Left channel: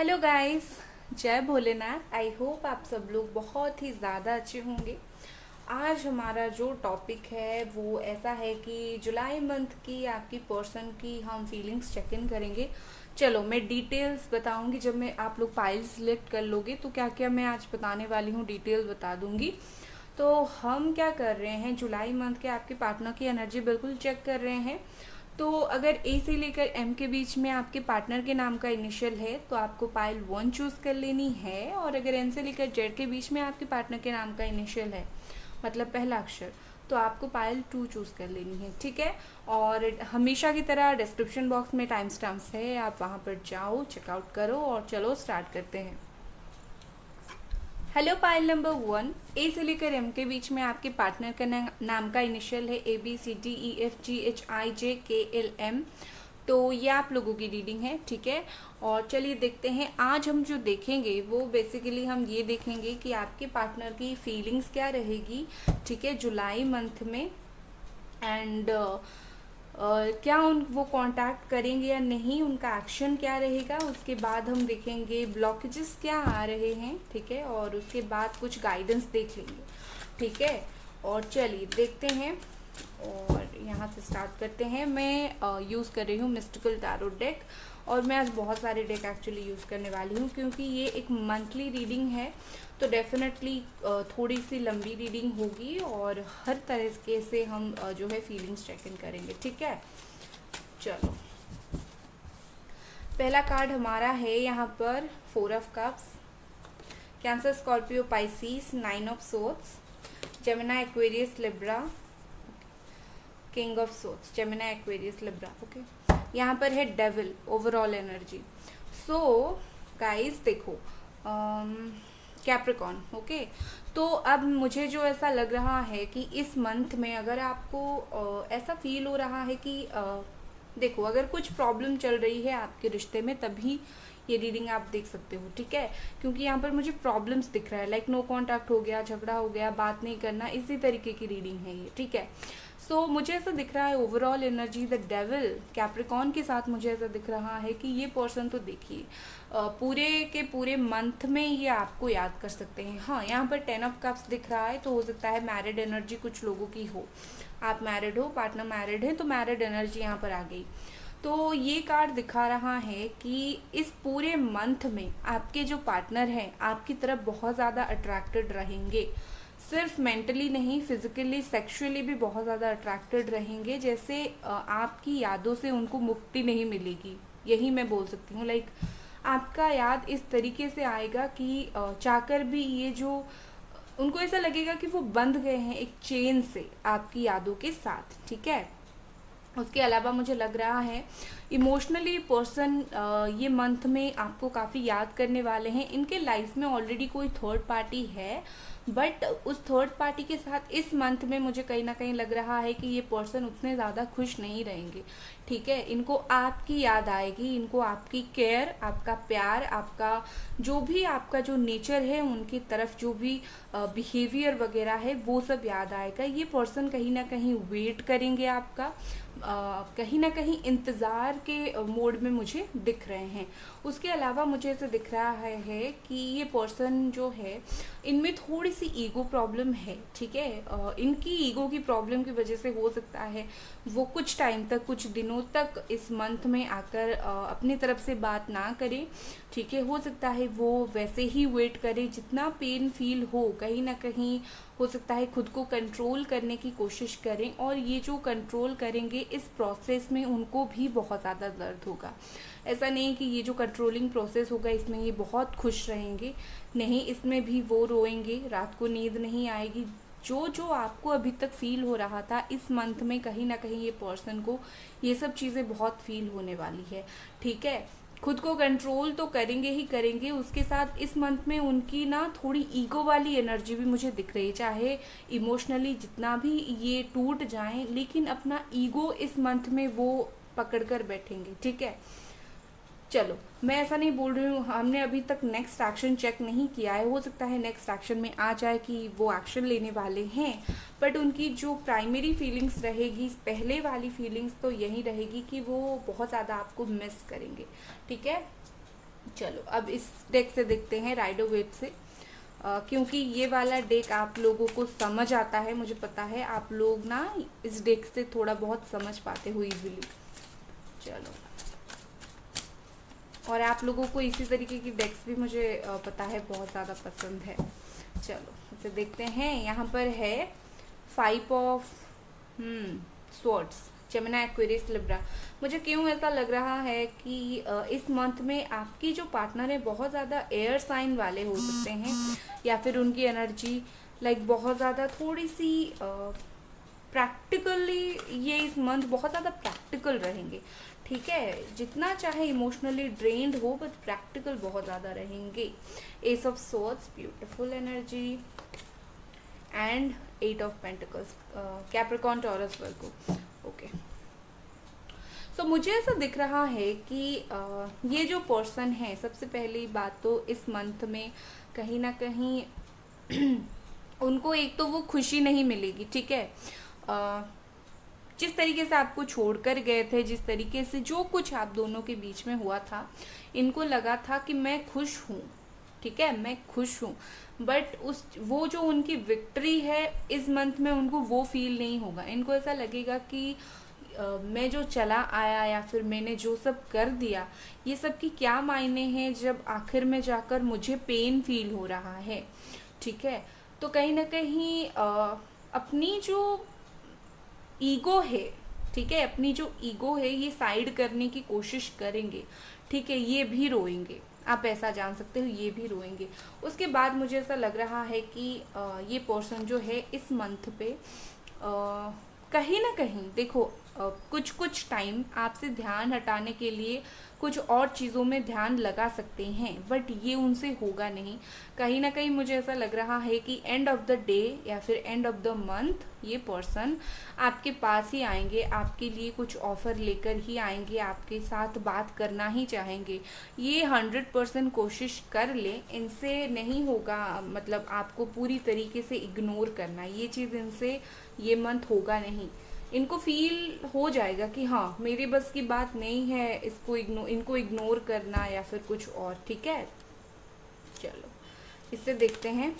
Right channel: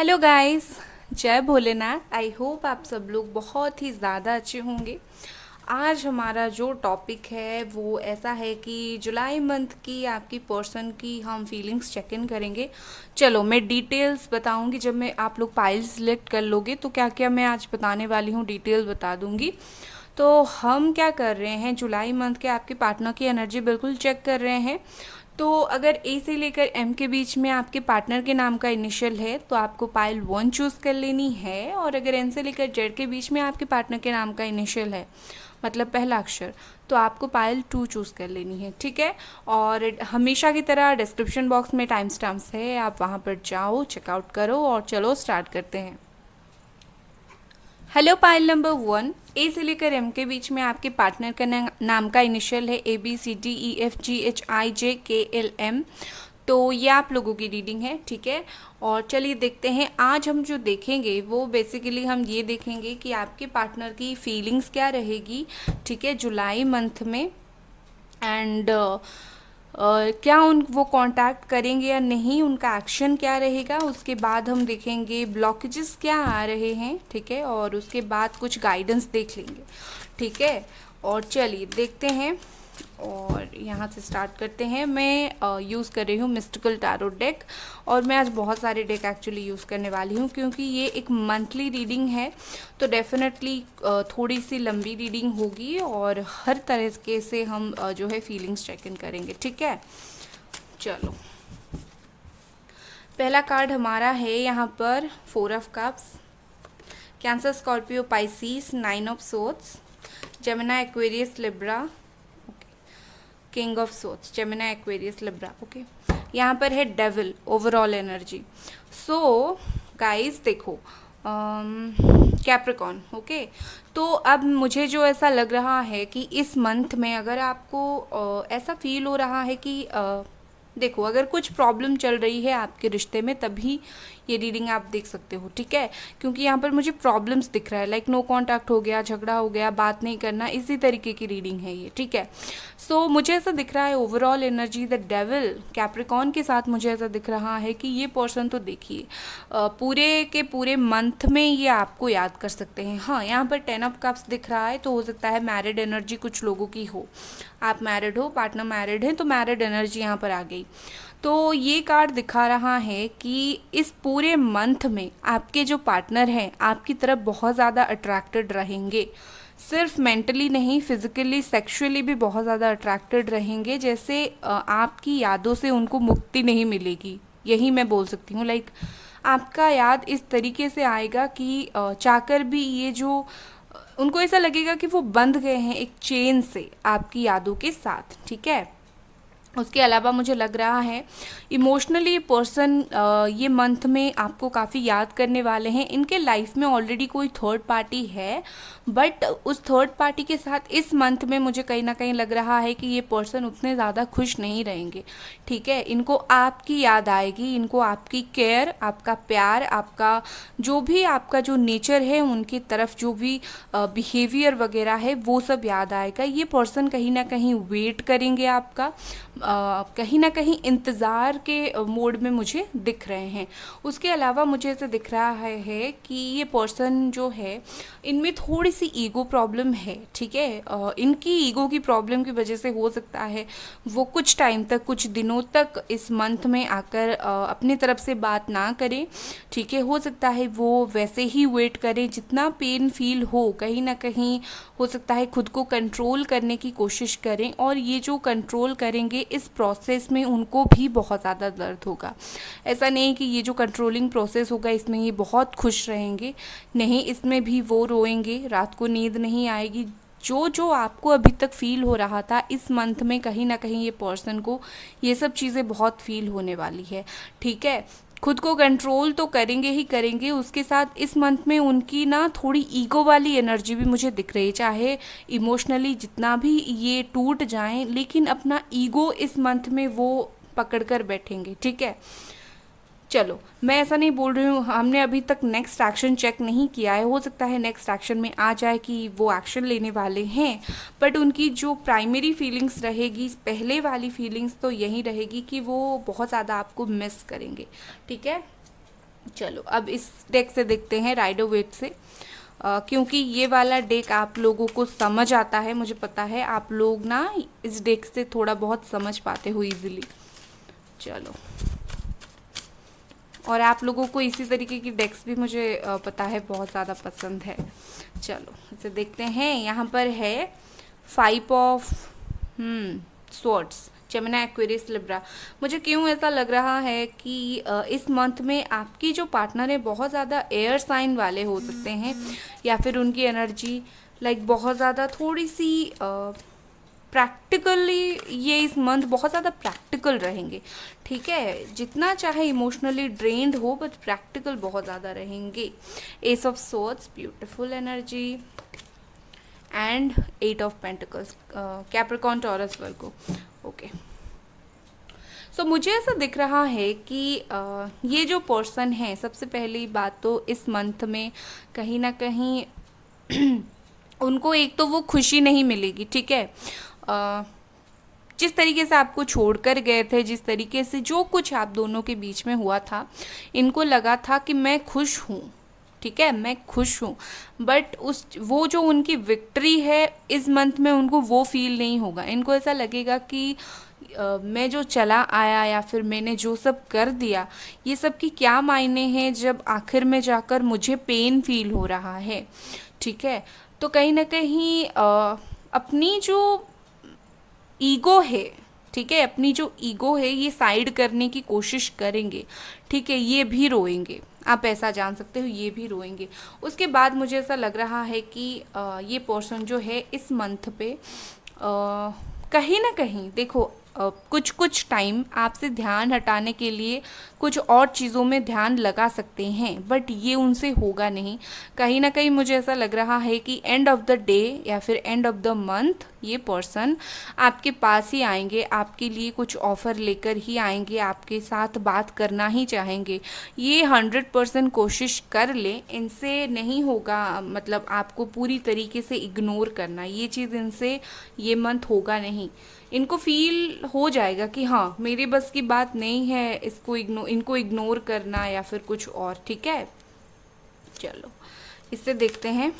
Hello guys, जय Bholenath. I hope आप सब लोग बहुत ही ज़्यादा अच्छे होंगे। आज हमारा जो टॉपिक है वो ऐसा है कि जुलाई मंथ की आपकी पर्सन की हम फीलिंग्स चेक इन करेंगे। चलो मैं डिटेल्स बताऊंगी। जब मैं आप लोग फाइल सिलेक्ट कर लोगे तो क्या क्या मैं आज बताने वाली हूँ डिटेल्स बता दूंगी। तो हम क्या कर रहे हैं, जुलाई मंथ के आपके पार्टनर की एनर्जी बिल्कुल चेक कर रहे हैं। तो अगर ए से लेकर एम के बीच में आपके पार्टनर के नाम का इनिशियल है तो आपको पाइल 1 चूज़ कर लेनी है। और अगर एन से लेकर जेड के बीच में आपके पार्टनर के नाम का इनिशियल है, मतलब पहला अक्षर, तो आपको पाइल 2 चूज़ कर लेनी है। ठीक है। और हमेशा की तरह डिस्क्रिप्शन बॉक्स में टाइम स्टैम्प्स है, आप वहाँ पर जाओ, चेकआउट करो और चलो स्टार्ट करते हैं। हेलो, पाइल नंबर 1, ए से लेकर एम के बीच में आपके पार्टनर का नाम का इनिशियल है ABCDEFGHIJKLM। तो ये आप लोगों की रीडिंग है। ठीक है। और चलिए देखते हैं, आज हम जो देखेंगे वो बेसिकली हम ये देखेंगे कि आपके पार्टनर की फीलिंग्स क्या रहेगी। ठीक है, जुलाई मंथ में। एंड क्या वो कांटेक्ट करेंगे या नहीं, उनका एक्शन क्या रहेगा। उसके बाद हम देखेंगे ब्लॉकेजेस क्या आ रहे हैं। ठीक है। और उसके बाद कुछ गाइडेंस देख लेंगे। ठीक है। और चलिए देखते हैं और यहाँ से स्टार्ट करते हैं। मैं यूज़ कर रही हूँ मिस्टिकल टैरो डेक। और मैं आज बहुत सारे डेक एक्चुअली यूज़ करने वाली हूँ क्योंकि ये एक मंथली रीडिंग है। तो डेफिनेटली थोड़ी सी लंबी रीडिंग होगी और हर तरह के से हम जो है फीलिंग्स चेक इन करेंगे। ठीक है। चलो, पहला कार्ड हमारा है यहाँ पर 4 of cups, Cancer, Scorpio, Pisces, 9 of swords, Gemini, Aquarius, Libra, king of swords, Gemini, Aquarius, Libra. Okay. यहाँ पर है devil, overall energy. So guys देखो, कैप्रिकॉन। ओके। तो अब मुझे जो ऐसा लग रहा है कि इस मंथ में अगर आपको ऐसा फील हो रहा है कि देखो, अगर कुछ प्रॉब्लम चल रही है आपके रिश्ते में तभी ये रीडिंग आप देख सकते हो। ठीक है। क्योंकि यहाँ पर मुझे प्रॉब्लम्स दिख रहा है, लाइक नो कांटेक्ट हो गया, झगड़ा हो गया, बात नहीं करना, इसी तरीके की रीडिंग है ये। ठीक है। सो मुझे ऐसा दिख रहा है overall energy the devil Capricorn के साथ। मुझे ऐसा दिख रहा है कि ये पर्सन तो देखिए पूरे के पूरे मंथ में ये आपको याद कर सकते हैं। हाँ, यहाँ पर 10 ऑफ कप्स दिख रहा है, तो हो सकता है मैरिड एनर्जी कुछ लोगों की हो। आप मैरिड हो, पार्टनर मैरिड है, तो मैरिड एनर्जी यहाँ पर आ गई। तो ये कार्ड दिखा रहा है कि इस पूरे मंथ में आपके जो पार्टनर हैं आपकी तरफ बहुत ज़्यादा अट्रैक्टेड रहेंगे। सिर्फ मेंटली नहीं, फिजिकली, सेक्सुअली भी बहुत ज़्यादा अट्रैक्टेड रहेंगे। जैसे आपकी यादों से उनको मुक्ति नहीं मिलेगी, यही मैं बोल सकती हूँ। लाइक आपका याद इस तरीके से आएगा कि चाहकर भी ये जो उनको ऐसा लगेगा कि वो बंध गए हैं एक चेन से आपकी यादों के साथ। ठीक है। उसके अलावा मुझे लग रहा है इमोशनली पर्सन ये मंथ में आपको काफ़ी याद करने वाले हैं। इनके लाइफ में ऑलरेडी कोई थर्ड पार्टी है, बट उस थर्ड पार्टी के साथ इस मंथ में मुझे कहीं ना कहीं लग रहा है कि ये पर्सन उतने ज़्यादा खुश नहीं रहेंगे। ठीक है। इनको आपकी याद आएगी, इनको आपकी केयर, आपका प्यार, आपका जो भी आपका जो नेचर है, उनकी तरफ जो भी बिहेवियर वगैरह है वो सब याद आएगा। ये पर्सन कहीं ना कहीं वेट करेंगे आपका, कहीं ना कहीं इंतज़ार के मोड में मुझे दिख रहे हैं। उसके अलावा मुझे ऐसे दिख रहा है कि ये पर्सन जो है इनमें थोड़ी सी ईगो प्रॉब्लम है। ठीक है। इनकी ईगो की प्रॉब्लम की वजह से हो सकता है वो कुछ टाइम तक, कुछ दिनों तक इस मंथ में आकर अपनी तरफ से बात ना करें। ठीक है। हो सकता है वो वैसे ही वेट करें, जितना पेन फील हो कहीं ना कहीं हो सकता है खुद को कंट्रोल करने की कोशिश करें। और ये जो कंट्रोल करेंगे इस प्रोसेस में उनको भी बहुत ज़्यादा दर्द होगा। ऐसा नहीं कि ये जो कंट्रोलिंग प्रोसेस होगा इसमें ये बहुत खुश रहेंगे, नहीं, इसमें भी वो रोएंगे, रात को नींद नहीं आएगी। जो जो आपको अभी तक फील हो रहा था इस मंथ में कहीं ना कहीं ये पर्सन को ये सब चीज़ें बहुत फील होने वाली है। ठीक है। खुद को कंट्रोल तो करेंगे ही करेंगे, उसके साथ इस मंथ में उनकी ना थोड़ी ईगो वाली एनर्जी भी मुझे दिख रही है। चाहे इमोशनली जितना भी ये टूट जाएं, लेकिन अपना ईगो इस मंथ में वो पकड़ कर बैठेंगे। ठीक है। चलो, मैं ऐसा नहीं बोल रही हूँ, हमने अभी तक नेक्स्ट एक्शन चेक नहीं किया है, हो सकता है नेक्स्ट एक्शन में आ जाए कि वो एक्शन लेने वाले हैं। बट उनकी जो प्राइमरी फीलिंग्स रहेगी, पहले वाली फीलिंग्स तो यही रहेगी कि वो बहुत ज़्यादा आपको मिस करेंगे। ठीक है। चलो अब इस डेक से देखते हैं, राइडर वेट से। क्योंकि ये वाला डेक आप लोगों को समझ आता है, मुझे पता है आप लोग ना इस डेक से थोड़ा बहुत समझ पाते हो इजीली। चलो, और आप लोगों को इसी तरीके की डेक्स भी मुझे पता है बहुत ज़्यादा पसंद है। चलो इसे देखते हैं। यहाँ पर है 5 of swords, Gemini, Aquarius, Libra. मुझे क्यों ऐसा लग रहा है कि इस मंथ में आपकी जो पार्टनर है बहुत ज़्यादा एयर साइन वाले हो सकते हैं, या फिर उनकी एनर्जी लाइक बहुत ज़्यादा थोड़ी सी प्रैक्टिकली, ये इस मंथ बहुत ज़्यादा प्रैक्टिकल रहेंगे। ठीक है, जितना चाहे इमोशनली ड्रेन्ड हो बट प्रैक्टिकल बहुत ज़्यादा रहेंगे। Ace of swords, beautiful energy, and 8 of pentacles, Capricorn, Taurus, Virgo. Okay, so मुझे ऐसा दिख रहा है कि ये जो पर्सन है, सबसे पहली बात तो इस मंथ में कहीं ना कहीं उनको एक तो वो खुशी नहीं मिलेगी। ठीक है, जिस तरीके से आपको छोड़कर गए थे, जिस तरीके से जो कुछ आप दोनों के बीच में हुआ था, इनको लगा था कि मैं खुश हूँ। ठीक है, मैं खुश हूँ, बट वो जो उनकी विक्ट्री है इस मंथ में उनको वो फील नहीं होगा। इनको ऐसा लगेगा कि मैं जो चला आया या फिर मैंने जो सब कर दिया, ये सब की क्या मायने हैं जब आखिर में जाकर मुझे पेन फील हो रहा है। ठीक है, तो कहीं ना कहीं अपनी जो ईगो है, ठीक है, अपनी जो ईगो है ये साइड करने की कोशिश करेंगे। ठीक है, ये भी रोएंगे, आप ऐसा जान सकते हो, ये भी रोएंगे। उसके बाद मुझे ऐसा लग रहा है कि ये पर्सन जो है इस मंथ पे कहीं ना कहीं देखो कुछ कुछ टाइम आपसे ध्यान हटाने के लिए कुछ और चीज़ों में ध्यान लगा सकते हैं, बट ये उनसे होगा नहीं। कहीं ना कहीं मुझे ऐसा लग रहा है कि एंड ऑफ द डे या फिर एंड ऑफ द मंथ ये पर्सन आपके पास ही आएंगे, आपके लिए कुछ ऑफ़र लेकर ही आएंगे, आपके साथ बात करना ही चाहेंगे। ये 100% कोशिश कर ले, इनसे नहीं होगा, मतलब आपको पूरी तरीके से इग्नोर करना, ये चीज़ इनसे ये मंथ होगा नहीं। इनको फील हो जाएगा कि हाँ मेरे बस की बात नहीं है इनको इग्नोर करना या फिर कुछ और। ठीक है, चलो इससे देखते हैं।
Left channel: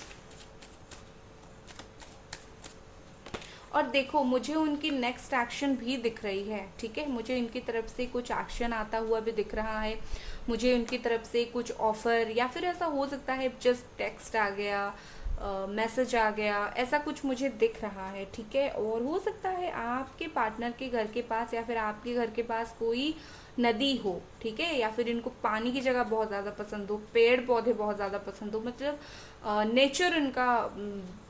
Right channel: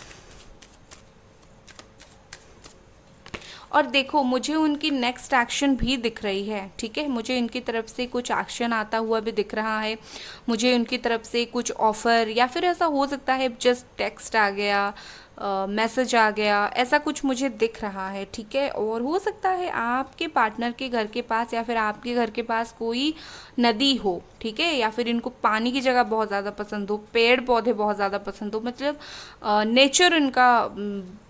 और देखो मुझे उनकी नेक्स्ट एक्शन भी दिख रही है। ठीक है, मुझे इनकी तरफ से कुछ एक्शन आता हुआ भी दिख रहा है। मुझे उनकी तरफ से कुछ ऑफ़र, या फिर ऐसा हो सकता है जस्ट टेक्स्ट आ गया, मैसेज आ गया, ऐसा कुछ मुझे दिख रहा है। ठीक है, और हो सकता है आपके पार्टनर के घर के पास या फिर आपके घर के पास कोई नदी हो। ठीक है, या फिर इनको पानी की जगह बहुत ज़्यादा पसंद हो, पेड़ पौधे बहुत ज़्यादा पसंद हो, मतलब नेचर इनका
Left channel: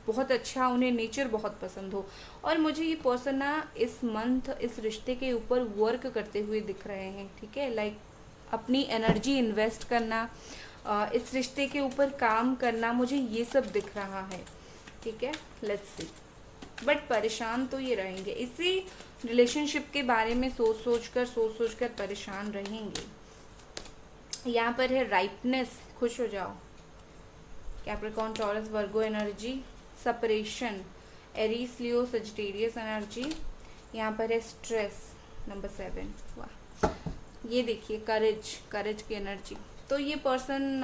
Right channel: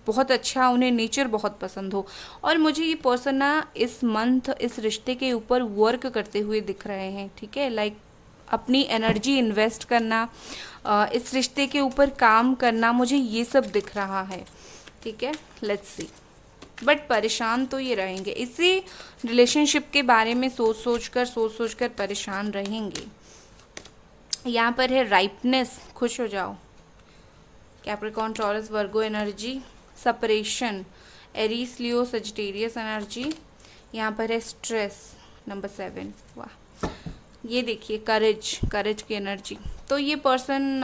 बहुत अच्छा, उन्हें नेचर बहुत पसंद हो। और मुझे ये पर्सन ना इस मंथ इस रिश्ते के ऊपर वर्क करते हुए दिख रहे हैं। ठीक है, लाइक अपनी एनर्जी इन्वेस्ट करना, इस रिश्ते के ऊपर काम करना, मुझे ये सब दिख रहा है। ठीक है, लेट्स सी। बट परेशान तो ये रहेंगे, इसी रिलेशनशिप के बारे में सोच सोच कर परेशान रहेंगे। यहाँ पर है राइपनेस, खुश हो जाओ, कैप्रिकॉर्न, टॉरस, वर्गो energy, separation, Aries, Leo, Sagittarius energy. यहाँ पर है स्ट्रेस, नंबर 7। वाह, ये देखिए करेज की एनर्जी। तो ये पर्सन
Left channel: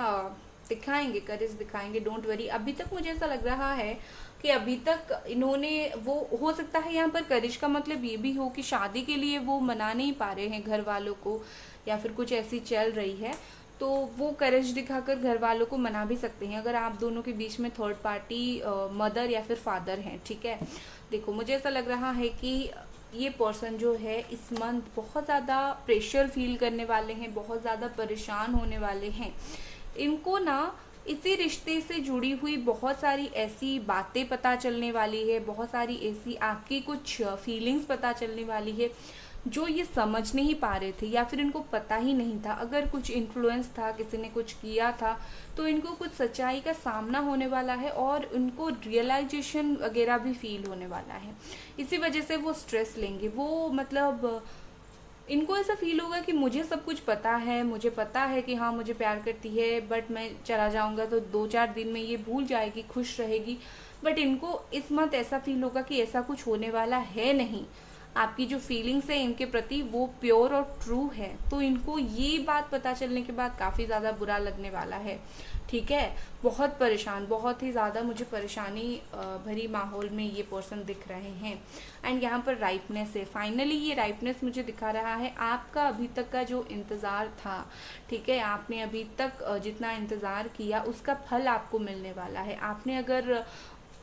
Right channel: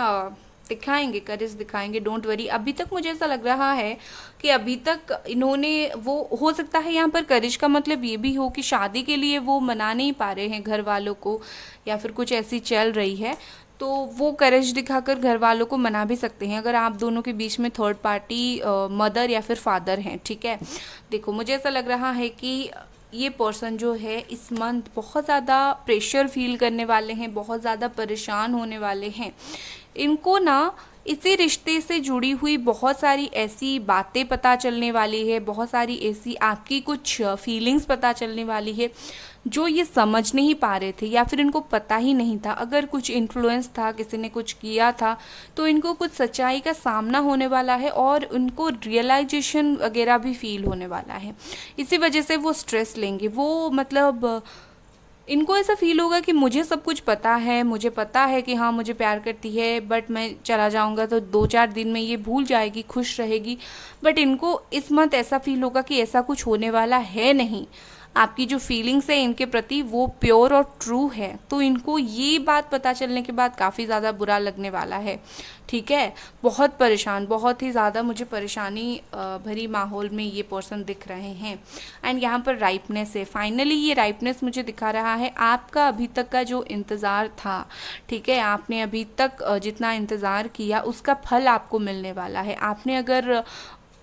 दिखाएंगे, करेज दिखाएंगे, डोंट वरी। अभी तक मुझे ऐसा लग रहा है कि अभी तक इन्होंने, वो हो सकता है यहाँ पर करेज का मतलब ये भी हो कि शादी के लिए वो मना नहीं पा रहे हैं घर वालों को, या फिर कुछ ऐसी चल रही है, तो वो करेज दिखाकर घर वालों को मना भी सकते हैं अगर आप दोनों के बीच में थर्ड पार्टी मदर या फिर फादर हैं। ठीक है, देखो मुझे ऐसा लग रहा है कि ये पर्सन जो है इस मंथ बहुत ज़्यादा प्रेशर फील करने वाले हैं, बहुत ज़्यादा परेशान होने वाले हैं। इनको ना इसी रिश्ते से जुड़ी हुई बहुत सारी ऐसी बातें पता चलने वाली है, बहुत सारी ऐसी आपकी कुछ फीलिंग्स पता चलने वाली है जो ये समझ नहीं पा रहे थे, या फिर इनको पता ही नहीं था। अगर कुछ इन्फ्लुएंस था, किसी ने कुछ किया था, तो इनको कुछ सच्चाई का सामना होने वाला है और उनको रियलाइजेशन वगैरह भी फील होने वाला है। इसी वजह से वो स्ट्रेस लेंगे। वो मतलब इनको ऐसा फील होगा कि मुझे सब कुछ पता है, मुझे पता है कि हाँ मुझे प्यार करती है, बट मैं चला जाऊँगा तो 2-4 दिन में ये भूल जाएगी, खुश रहेगी। बट इनको इस मंथ ऐसा फील होगा कि ऐसा कुछ होने वाला है नहीं। आपकी जो फीलिंग्स है इनके प्रति वो प्योर और ट्रू है। तो इनको ये बात पता चलने के बाद काफ़ी ज़्यादा बुरा लगने वाला है, ठीक है। बहुत परेशान, बहुत ही ज़्यादा मुझे परेशानी भरी माहौल में ये पर्सन दिख रहे हैं। एंड यहाँ पर राइपनेस है, फाइनली ये राइपनेस मुझे दिखा रहा है। आपका अभी तक का जो इंतज़ार था, ठीक है, आपने अभी तक जितना इंतज़ार किया उसका फल आपको मिलने वाला है। आपने अगर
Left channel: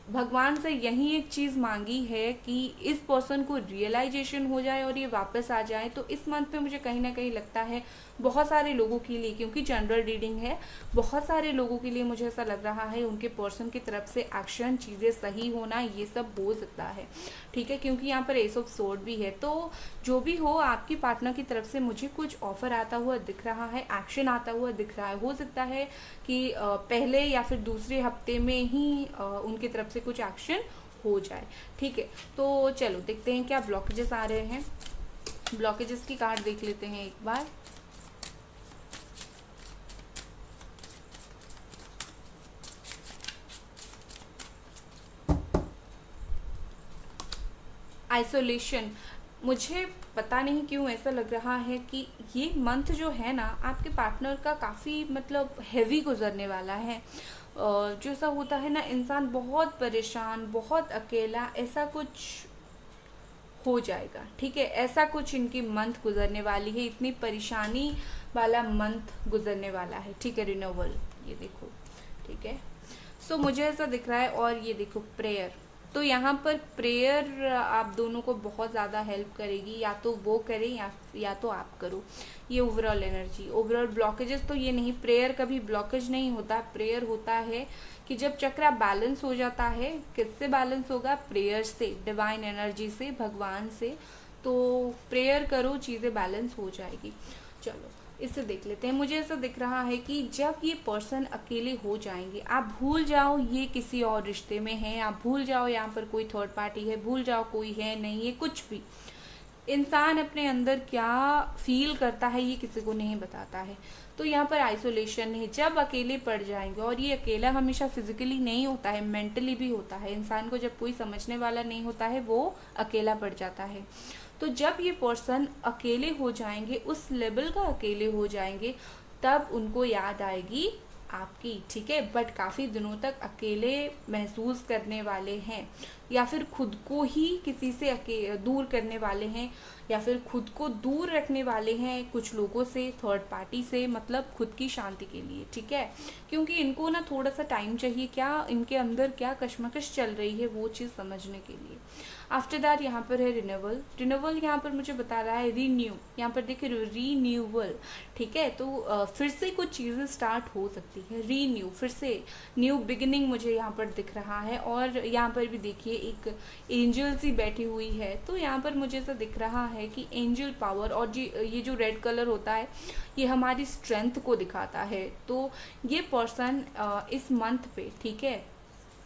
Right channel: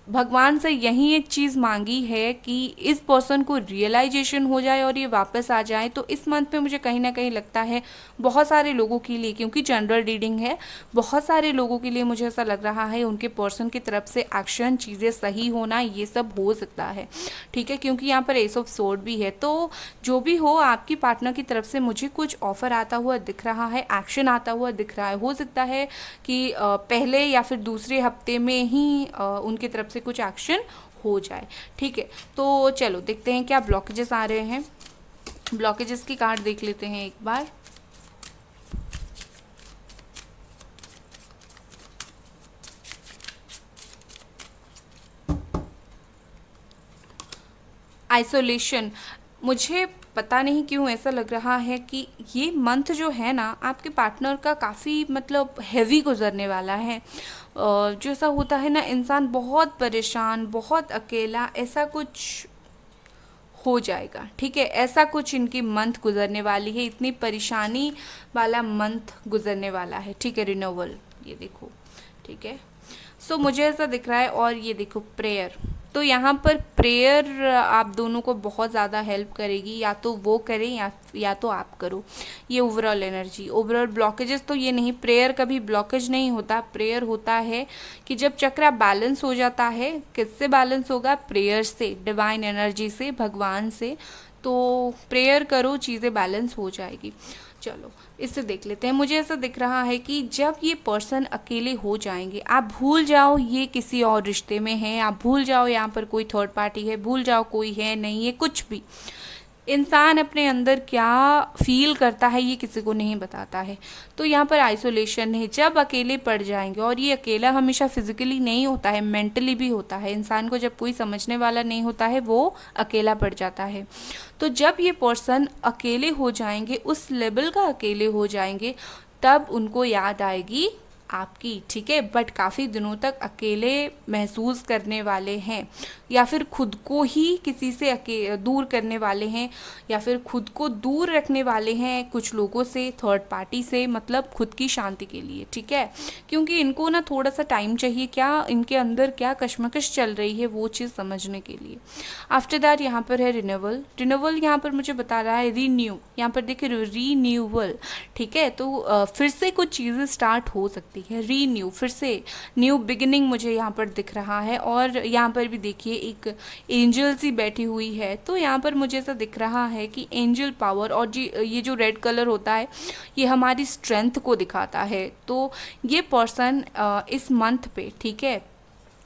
भगवान से यही एक चीज़ मांगी है कि इस पर्सन को रियलाइजेशन हो जाए और ये वापस आ जाए, तो इस मंथ में मुझे कहीं ना कहीं लगता है बहुत सारे लोगों के लिए, क्योंकि जनरल रीडिंग है, बहुत सारे लोगों के लिए मुझे ऐसा लग रहा है उनके पर्सन की तरफ से एक्शन, चीज़ें सही होना, ये सब हो सकता है, ठीक है। क्योंकि यहाँ पर एस ऑफ सोर्ड भी है। तो जो भी हो, आपकी पार्टनर की तरफ से मुझे कुछ ऑफर आता हुआ दिख रहा है, एक्शन आता हुआ दिख रहा है। हो सकता है कि पहले या फिर दूसरे हफ्ते में ही उनकी तरफ से कुछ एक्शन हो जाए, ठीक है। तो चलो देखते हैं क्या ब्लॉकेजेस आ रहे हैं। ब्लॉकेजेस की कार्ड देख लेते हैं एक बार। आइसोलेशन, मुझे पता नहीं क्यों ऐसा लग रहा है कि ये मंथ जो है ना आपके पार्टनर का काफ़ी मतलब हैवी गुजरने वाला है। जो ऐसा होता है ना, इंसान बहुत परेशान, बहुत अकेला, ऐसा कुछ हो जाएगा, ठीक है। ऐसा कुछ इनकी मंथ गुजरने वाली है, इतनी परेशानी वाला मंथ गुजरने वाला है, ठीक है। रिन्यूअल, ये देखो, ठीक है। सो मुझे ऐसा दिख रहा है। और ये देखो प्रेयर, तो यहाँ पर प्रेयर आप दोनों को बहुत ज़्यादा हेल्प करेगी, या तो वो करें या तो आप करो। ये ओवरऑल एनर्जी, ओवरऑल ब्लॉकेजेस तो ये नहीं, प्रेयर कभी ब्लॉकेज नहीं होता। प्रेयर होता है कि जब चक्र बैलेंस हो जाता है, किससे बैलेंस होगा? प्रेयर से, डिवाइन एनर्जी से, भगवान से। तो प्रेयर करो, चीज़ें बैलेंस हो जाएगी। चलो इससे देख लेते हैं। मुझे ऐसा दिख रहा है कि जब ये पर्सन अकेले हो जाएंगे, आप भूल जाओ ये किसी और रिश्ते में है, आप भूल जाओ यहाँ पर कोई थर्ड पार्टी है, भूल जाओ कोई है नहीं है, कुछ भी। इंसान अपने अंदर क्या फील करता है ये किसी को नहीं बताता है। तो यहाँ पर आइसोलेशन है, जब अकेले पड़ जाएंगे, और ये अकेला हमेशा फिजिकली नहीं होता है, मेंटली भी होता है। इंसान को जब कोई समझने वाला नहीं होता है वो अकेला पड़ जाता है। तो जब ये पर्सन अकेले हो जाएंगे, उस लेवल का अकेले हो जाएंगे, तब उनको याद आएगी आपकी, ठीक है। बट काफ़ी दिनों तक अकेले महसूस करने वाले हैं, या फिर खुद को ही किसी से दूर करने वाले हैं, या फिर खुद को दूर रखने वाले हैं कुछ लोगों से, थर्ड पार्टी से, मतलब खुद की शांति के लिए, ठीक है। क्योंकि इनको ना थोड़ा सा टाइम चाहिए, क्या इनके अंदर क्या कश्मकश चल रही है वो चीज़ समझने के लिए। आफ्टर दैट यहाँ पर है रिन्यूअल। रिन्यूअल यहाँ पर मुझे बता रहा है रीन्यू, यहाँ पर देखिए रीन्यूअल, ठीक है। तो फिर से कुछ चीज़ें स्टार्ट हो सकती है, रीन्यू, फिर से न्यू बिगिनिंग मुझे यहाँ पर दिख रहा है। और यहाँ पर भी देखिए एक एंजल सी बैठी हुई है। तो यहाँ पर मुझे ऐसा दिख रहा है कि एंजल पावर, और जी ये जो रेड कलर होता है ये हमारी स्ट्रेंथ को दिखाता है। तो ये पर्सन इस मंथ पे, ठीक है,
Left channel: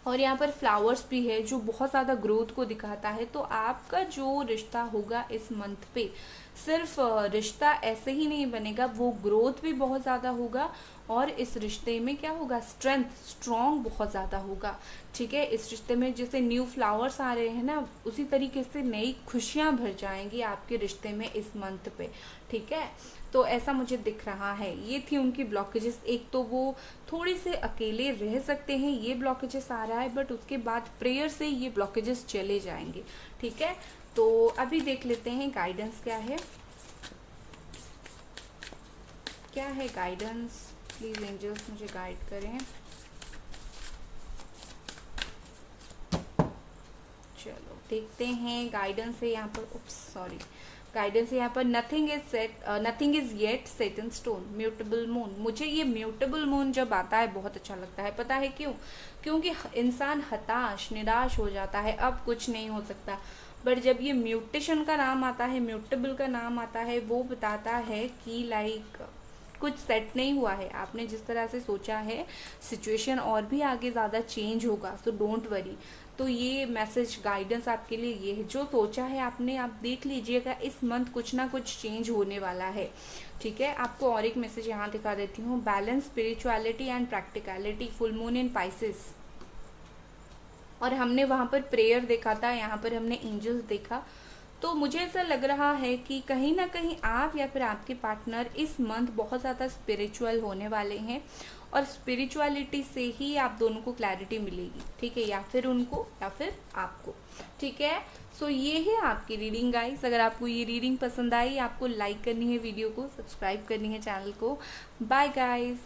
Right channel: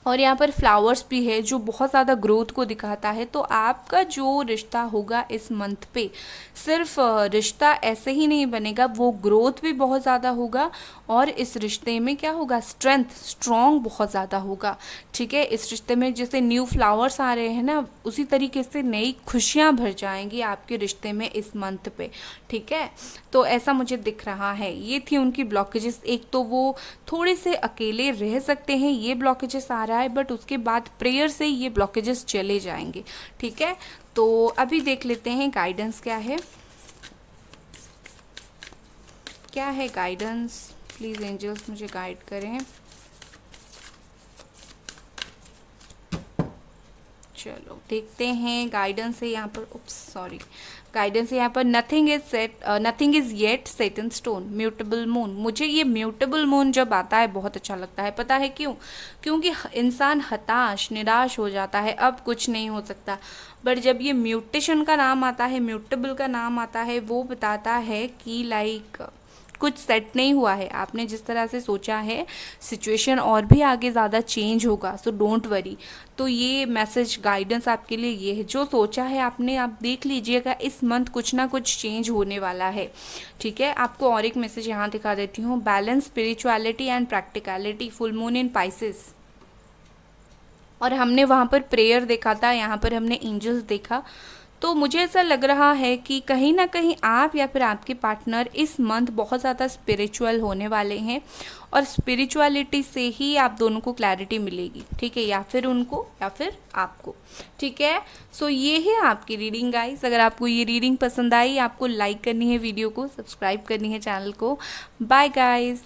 और यहाँ पर फ्लावर्स भी है जो बहुत ज़्यादा ग्रोथ को दिखाता है। तो आपका जो रिश्ता होगा इस मंथ पे, सिर्फ रिश्ता ऐसे ही नहीं बनेगा, वो ग्रोथ भी बहुत ज़्यादा होगा। और इस रिश्ते में क्या होगा? स्ट्रेंथ, स्ट्रॉन्ग बहुत ज़्यादा होगा, ठीक है। इस रिश्ते में जैसे न्यू फ्लावर्स आ रहे हैं ना, उसी तरीके से नई खुशियाँ भर जाएंगी आपके रिश्ते में इस मंथ पे, ठीक है। तो ऐसा मुझे दिख रहा है। ये थी उनकी ब्लॉकेजेस। एक तो वो थोड़े से अकेले रह सकते हैं, ये ब्लॉकेजेस आ रहा है, बट उसके बाद प्रेयर से ये ब्लॉकेजेस चले जाएंगे, ठीक है। तो अभी देख लेते हैं गाइडेंस क्या है। क्या है गाइडेंस? प्लीज़ एंजल्स मुझे गाइड करें। चलो देखते हैं गाइडेंस है यहाँ पर। उप्स सॉरी, गाइडेंस है यहाँ पर। Nothing is yet set in stone, mutable moon. मुझे ये म्यूटेबल मून जब आता है बहुत अच्छा लगता है। पता है क्यों? क्योंकि इंसान हताश, निराश हो जाता है, अब कुछ नहीं हो सकता। बट जब ये म्यूटेशन का नाम आता है, म्यूटेबल का नाम आता है, वो बताता है कि लाइक कुछ सेट नहीं हुआ है, आपने जिस तरह से सोचा है सिचुएशन और भी आगे ज़्यादा चेंज होगा, सो डोंट वरी। तो ये मैसेज गाइडेंस आपके लिए ये है, जो सोचा है आपने, आप देख लीजिएगा इस मंथ कुछ ना कुछ चेंज होने वाला है, ठीक है। आपको और एक मैसेज यहाँ दिखा देती हूँ। Balance, spirituality and practicality, full moon in Pisces. और हमने वहाँ पर प्रेयर देखा था, यहाँ पर हमने एंजल्स देखा। तो मुझे ऐसा लग रहा है कि कहीं ना कहीं आप या फिर आपके पार्टनर इस मंथ बहुत ज़्यादा स्पिरिचुअल होने वाले हैं, और स्पिरिचुअलिटी से ही आप दोनों को क्लैरिटी मिलेगी, ठीक है, या फिर उनको या फिर आपको, ठीक है। सो ये है आपकी रीडिंग गाइस। अगर आपको ये रीडिंग पसंद आई, आपको लाइक करनी है वीडियो को, सब्सक्राइब करनी है चैनल को। Bye guys.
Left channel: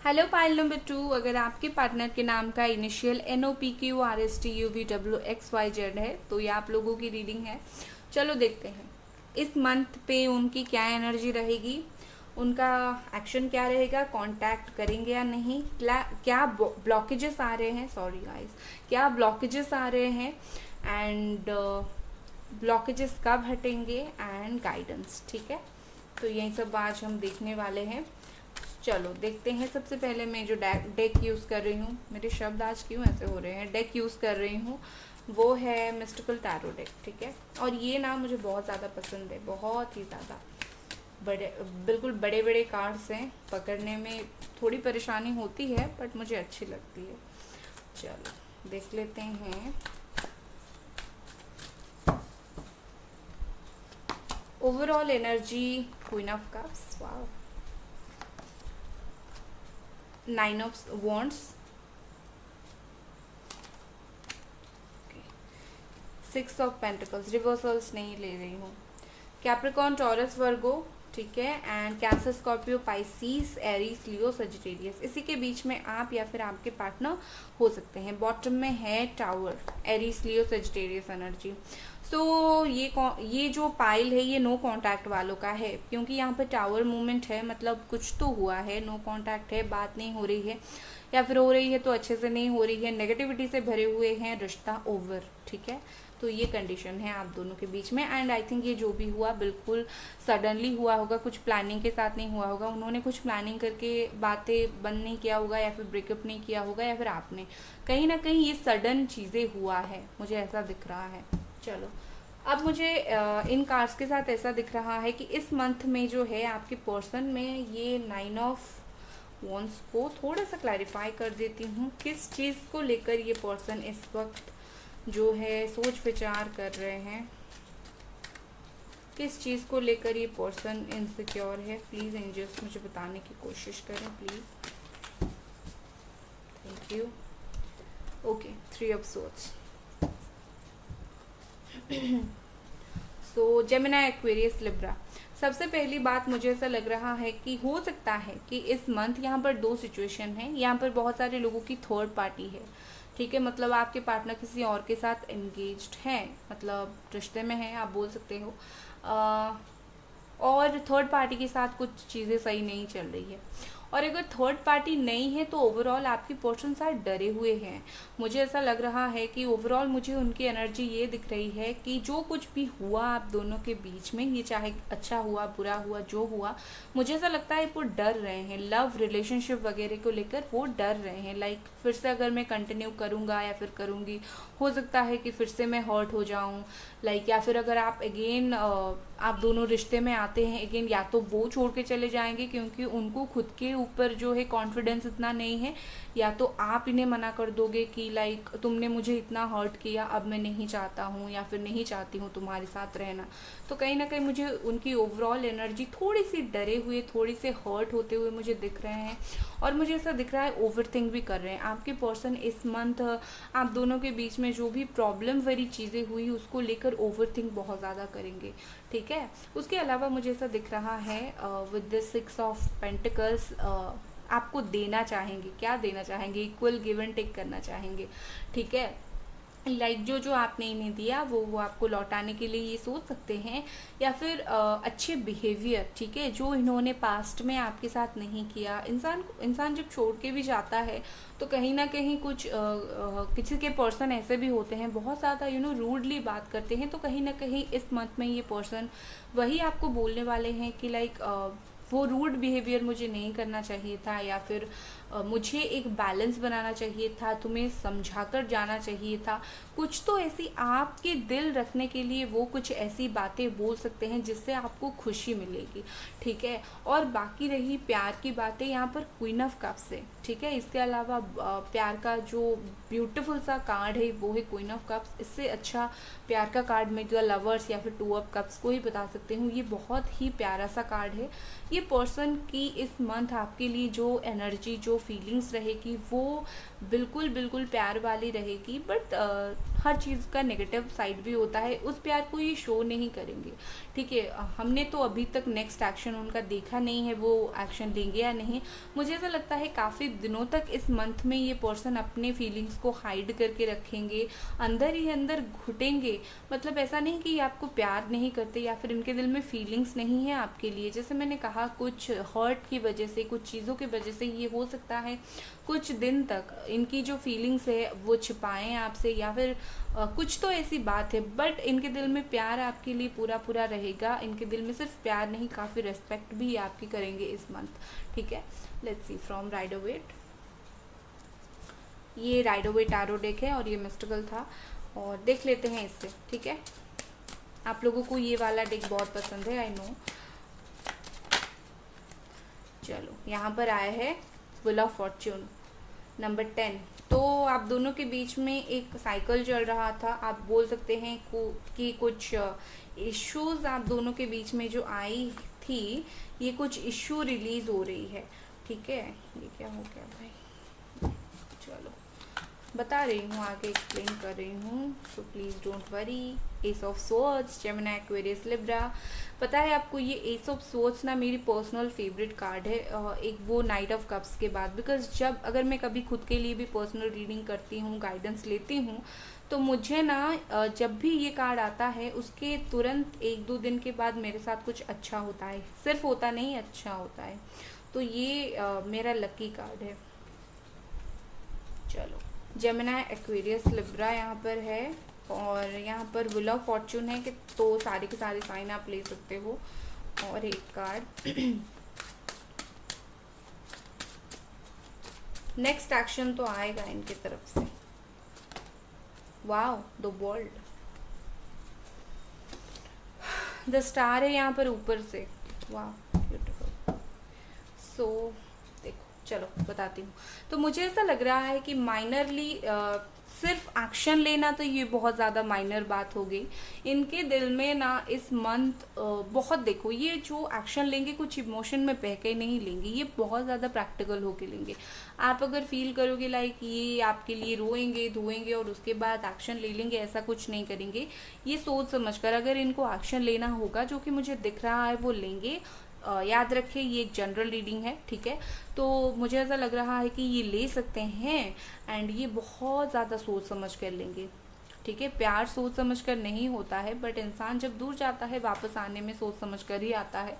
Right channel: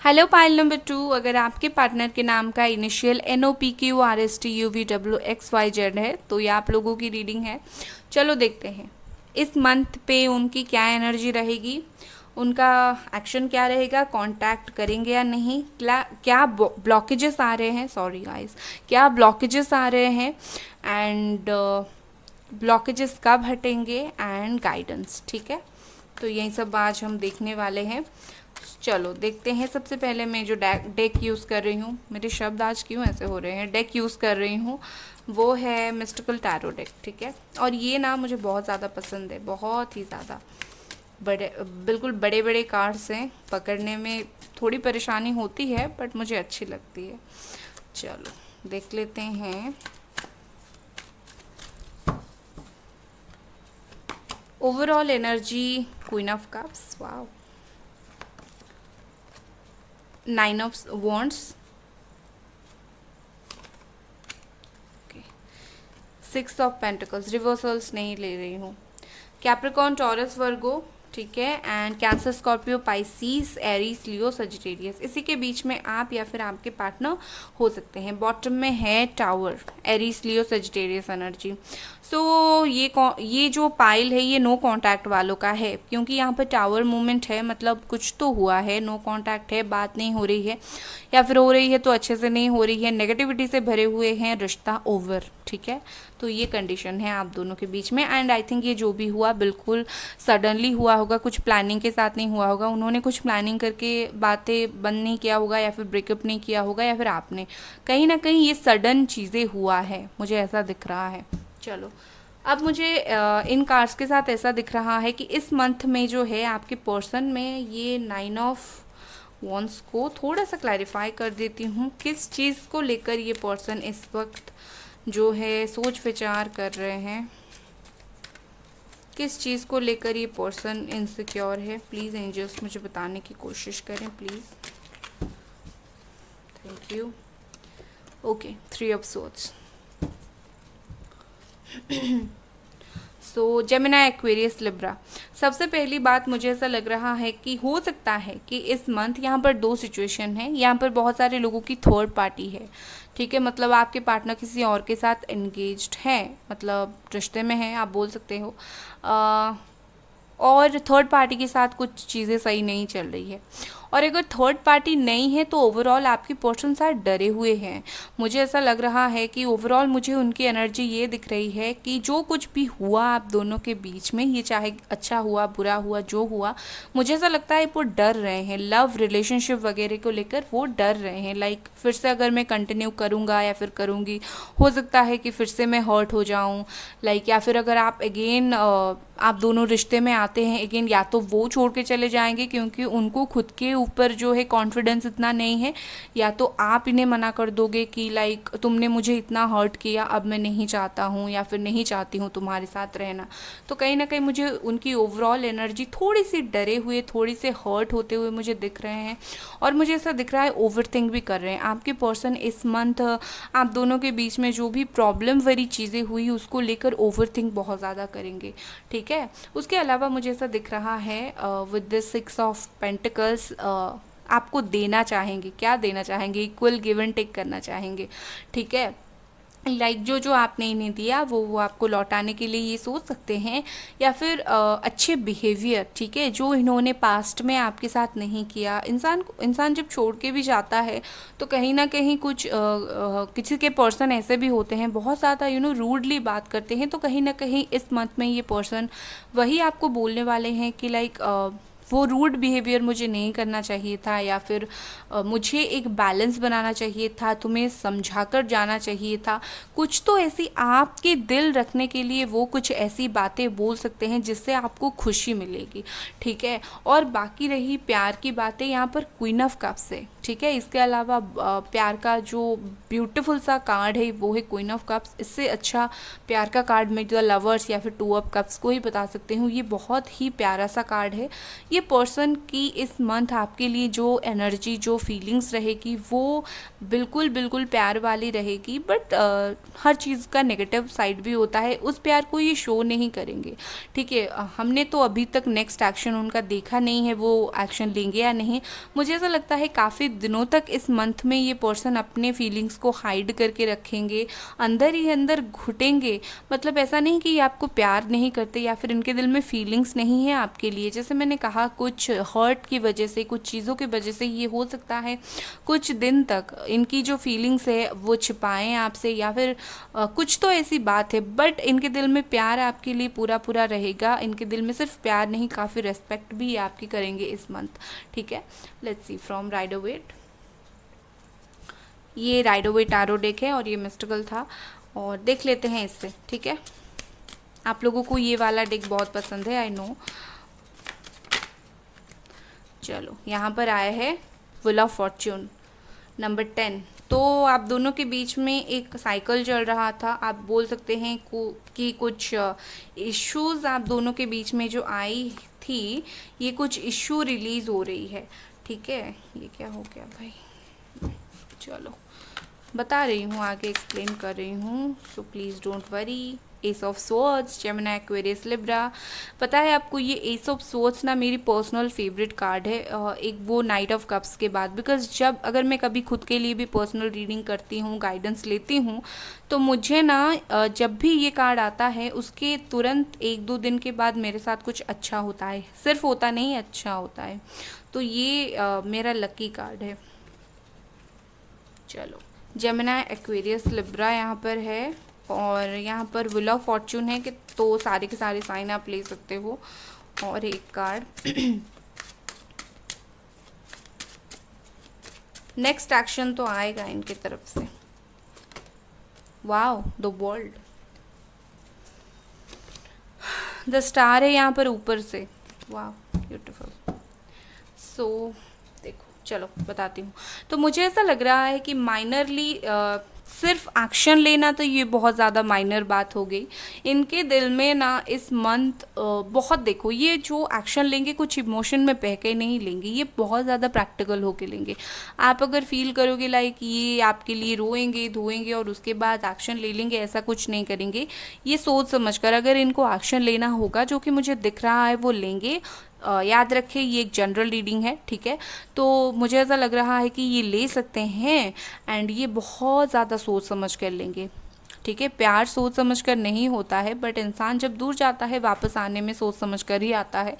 Hello pile number 2, अगर आपके पार्टनर के नाम का इनिशियल NOPQRSTUVWXYZ है तो ये आप लोगों की रीडिंग है। चलो देखते हैं इस मंथ पे उनकी क्या एनर्जी रहेगी, उनका एक्शन क्या रहेगा, कांटेक्ट करेंगे या नहीं, क्या ब्लॉकेजेस आ रहे हैं, सॉरी गाइस, क्या ब्लॉकेजेस आ रहे हैं, एंड ब्लॉकेजेस कब हटेंगे, एंड गाइडेंस, ठीक है। तो यही सब आज हम देखने वाले हैं। चलो देखते हैं। सबसे पहले मैं जो डेक यूज़ कर रही हूँ, मेरे शब्द आज क्यों ऐसे हो रहे हैं, डेक यूज़ कर रही हूँ, वो है मिस्टिकल टैरो डेक, ठीक है। और ये ना मुझे बहुत ज़्यादा पसंद है, बहुत ही ज़्यादा। बिल्कुल बड़े बड़े कार्ड्स हैं, पकड़ने में थोड़ी परेशानी होती है बट मुझे अच्छी लगती है। चलो देख लेते हैं। Overall energy, queen of cups, wow, 9 of wands, 6 of pentacles, reversals नहीं ले रही हूँ, कैप्रिकॉर्न, टॉरस, वर्गो, ठीक है, and Cancer, Scorpio, Pisces, Aries, Leo, Sagittarius. इसी के बीच में आप या फिर आपके पार्टनर हो सकते हैं। बॉटम में है tower, Aries, Leo, Sagittarius energy. सो ये जो पाइल है ये नो कांटेक्ट वालों का है, क्योंकि यहाँ पर टावर मूवमेंट है, मतलब कुछ तो हुआ है, नो कांटेक्ट है, बात नहीं हो रही है, या फिर हो रही है तो अच्छे से नहीं हो रही है, नेगेटिविटी से भरे हुए हैं, रिश्ता ओवर, ठीक है। तो ये कंडीशन है आप दोनों के बीच में। एंड आई थिंक ये जो भी हुआ बिल्कुल सडनली हुआ होगा, कुछ प्लानिंग के साथ नहीं हुआ होगा, उन्होंने कुछ प्लानिंग करके बातें बंद नहीं किया होगा, या फिर ब्रेकअप नहीं किया होगा, या फिर आपने, कहीं ना कहीं ये सडन चीज़ें हुआ है, मुझे ऐसा दिख रहा है। चलो अब मुझे इन कार्ड्स के साथ ऐसा दिख रहा है कि इस मंथ में जो है आपके पर्सन में ये 9 ऑफ वॉन्ड्स को थोड़ा सा क्लैरिफाई कर देती हूँ, किस चीज़ को लेकर ये पर्सन इस वक्त जो है सोच विचार कर रहे हैं, किस चीज़ को लेकर ये पर्सन इनसिक्योर है। प्लीज़ एंजल्स मुझे बताने की कोशिश करें please, thank you. Okay, 3 of swords. So Gemini, Aquarius, Libra. सबसे पहली बात मुझे ऐसा लग रहा है कि हो सकता है कि इस मंथ यहाँ पर 2 सिचुएशन है, यहाँ पर बहुत सारे लोगों की थर्ड पार्टी है, ठीक है, मतलब आपके पार्टनर किसी और के साथ एंगेज्ड है, मतलब रिश्ते में है, आप बोल सकते हो, और थर्ड पार्टी के साथ कुछ चीज़ें सही नहीं चल रही है। और अगर थर्ड पार्टी नहीं है तो ओवरऑल आपकी पर्सन शायद डरे हुए हैं। मुझे ऐसा लग रहा है कि ओवरऑल मुझे उनकी एनर्जी ये दिख रही है कि जो कुछ भी हुआ आप दोनों के बीच में, ये चाहे अच्छा हुआ बुरा हुआ जो हुआ, मुझे ऐसा लगता है वो डर रहे हैं, लव रिलेशनशिप वगैरह को लेकर वो डर रहे हैं। लाइक फिर से अगर मैं कंटिन्यू करूँगा या फिर करूँगी, हो सकता है कि फिर से मैं हर्ट हो जाऊँ, लाइक, या फिर अगर आप अगेन आप दोनों रिश्ते में आते हैं अगेन, या तो वो छोड़ के चले जाएंगे क्योंकि उनको खुद के ऊपर जो है कॉन्फिडेंस इतना नहीं है, या तो आप इन्हें मना कर दोगे कि लाइक तुमने मुझे इतना हर्ट किया, अब मैं नहीं चाहता हूँ या फिर नहीं चाहती हूँ तुम्हारे साथ रहना। तो कहीं ना कहीं मुझे उनकी ओवरऑल एनर्जी थोड़ी सी डरे हुए, थोड़ी से हर्ट होते हुए मुझे दिख रहे हैं, और मुझे ऐसा दिख रहा है ओवर थिंक भी कर रहे हैं। आपके पर्सन इस मंथ आप दोनों के बीच में जो भी प्रॉब्लम वाली चीज़ें हुई उसको लेकर ओवर थिंक बहुत ज़्यादा करेंगे, ठीक है। उसके अलावा मुझे ऐसा दिख रहा है विद द 6 ऑफ पेंटिकल्स, आपको देना चाहेंगे, क्या देना चाहेंगे, इक्वल गिव एंड टेक करना चाहेंगे, ठीक है। लाइक जो आपने इन्हें दिया वो आपको लौटाने के लिए ये सोच सकते हैं, या फिर अच्छे बिहेवियर, ठीक है, जो इन्होंने पास्ट में आपके साथ नहीं किया। इंसान जब छोड़ के भी जाता है तो कहीं ना कहीं कुछ किसी के पर्सन ऐसे भी होते हैं बहुत ज़्यादा रूडली बात करते हैं, तो कहीं ना कहीं इस मंथ में ये पर्सन वही आपको बोलने वाले हैं कि लाइक वो रूड बिहेवियर मुझे नहीं करना चाहिए था, या फिर मुझे एक बैलेंस बनाना चाहिए था, तुम्हें समझा कर जाना चाहिए था। कुछ तो ऐसी आपके दिल रखने के लिए वो कुछ ऐसी बातें बोल सकते हैं जिससे आपको खुशी मिलेगी, ठीक है। और बाकी रही प्यार की बातें, यहाँ पर क्वीन ऑफ कप्स है, ठीक है। इसके अलावा प्यार का जो ब्यूटीफुल सा कार्ड है वो है क्वीन ऑफ कप्स। इससे अच्छा प्यार का कार्ड मैं द लवर्स या फिर टू ऑफ कप्स को ही बता सकती हूँ। ये बहुत ही प्यारा सा कार्ड है। ये पर्सन की इस मंथ आपके लिए जो एनर्जी, जो फीलिंग्स रहेगी वो बिल्कुल बिल्कुल प्यार वाली रहेगी, बट हर चीज़ का नेगेटिव साइड भी होता है। उस प्यार को ये शो नहीं करेंगे, ठीक है। हमने तो अभी तक नेक्स्ट एक्शन उनका देखा नहीं है, वो एक्शन लेंगे या नहीं। मुझे ऐसा लगता है काफ़ी दिनों तक इस मंथ में ये पर्सन अपने फीलिंग्स को हाइड करके रखेंगे, अंदर ही अंदर घुटेंगे। मतलब ऐसा नहीं कि ये आपको प्यार नहीं करते या फिर इनके दिल में फीलिंग्स नहीं है आपके लिए। जैसे मैंने कहा, कुछ हर्ट की वजह से, कुछ चीज़ों की वजह से ये हो सकता है कुछ दिन तक इनकी जो फीलिंग्स है वो छिपाएं आपसे, या फिर कुछ तो ऐसी बात है। बट इनके दिल में प्यार आपके लिए पूरा पूरा रहेगा। इनके दिल में सिर्फ प्यार नहीं, काफ़ी रेस्पेक्ट भी आपकी करेंगे इस मंथ, ठीक है। Let's see from Rider Waite. ये राइडर वेट टैरो डेक है और ये मिस्टिकल था, और देख लेते हैं इससे, ठीक है। आप लोगों को ये वाला डेक बहुत पसंद है, आई नो। चलो, यहाँ पर आया है व्हील ऑफ फॉर्च्यून नंबर 10। तो आप दोनों के बीच में एक साइकिल चल रहा था। आप बोल सकते हैं कि कुछ इश्यूज आप दोनों के बीच में जो आई थी, ये कुछ इश्यू रिलीज हो रही है, ठीक है। ये क्या हो गया भाई, चलो बता रही हूँ, आगे एक्सप्लेन कर रही हूँ, so please don't worry. S of swords, Gemini, Aquarius, Libra. पता है आपको, ये एस ऑफ स्वॉर्ड्स ना मेरी पर्सनल फेवरेट कार्ड है, एक वो नाइट ऑफ कप्स के बाद। बिकॉज जब अगर मैं कभी खुद के लिए भी पर्सनल रीडिंग करती हूँ, गाइडेंस लेती हूँ, तो मुझे ना जब भी ये कार्ड आता है उसके तुरंत 1-2 दिन के बाद मेरे साथ कुछ अच्छा होता है। सिर्फ होता नहीं, अच्छा होता है। तो ये मेरा लकी कार्ड है। चलो, जेमिनी, एक्वेरियस, लिब्रा यहाँ पर है, और यहाँ पर व्हील ऑफ फॉर्च्यून है कि तो सारे के सारे साइन आप ले सकते हो। और एक कार्ड नेक्स्ट एक्शन तो आएगा इनके तरफ से। Wow, the world, the star है यहाँ पर ऊपर से। Wow, beautiful. सो देखो, चलो बताती हूँ। तो मुझे ऐसा लग रहा है कि माइनरली सिर्फ एक्शन लेना, तो ये बहुत ज़्यादा माइनर बात हो गई। इनके दिल में ना इस मंथ बहुत, देखो, ये जो एक्शन लेंगे कुछ इमोशन में बह के नहीं लेंगे, ये बहुत ज़्यादा प्रैक्टिकल होके लेंगे। आप अगर फील करोगे लाइक ये आपके लिए रोएंगे धोएंगे और उसके बाद एक्शन ले लेंगे, ऐसा कुछ नहीं करेंगे। ये सोच समझ कर अगर इनको एक्शन लेना होगा, जो कि मुझे दिख रहा है, वो लेंगे। याद रखें, ये एक जनरल रीडिंग है, ठीक है। तो मुझे ऐसा लग रहा है कि ये ले सकते हैं, एंड ये बहुत ज़्यादा सोच समझ कर लेंगे, ठीक है। प्यार सोच समझ कर नहीं होता है, बट इंसान जब दूर जाता है वापस आने में सोच समझ कर ही आता है।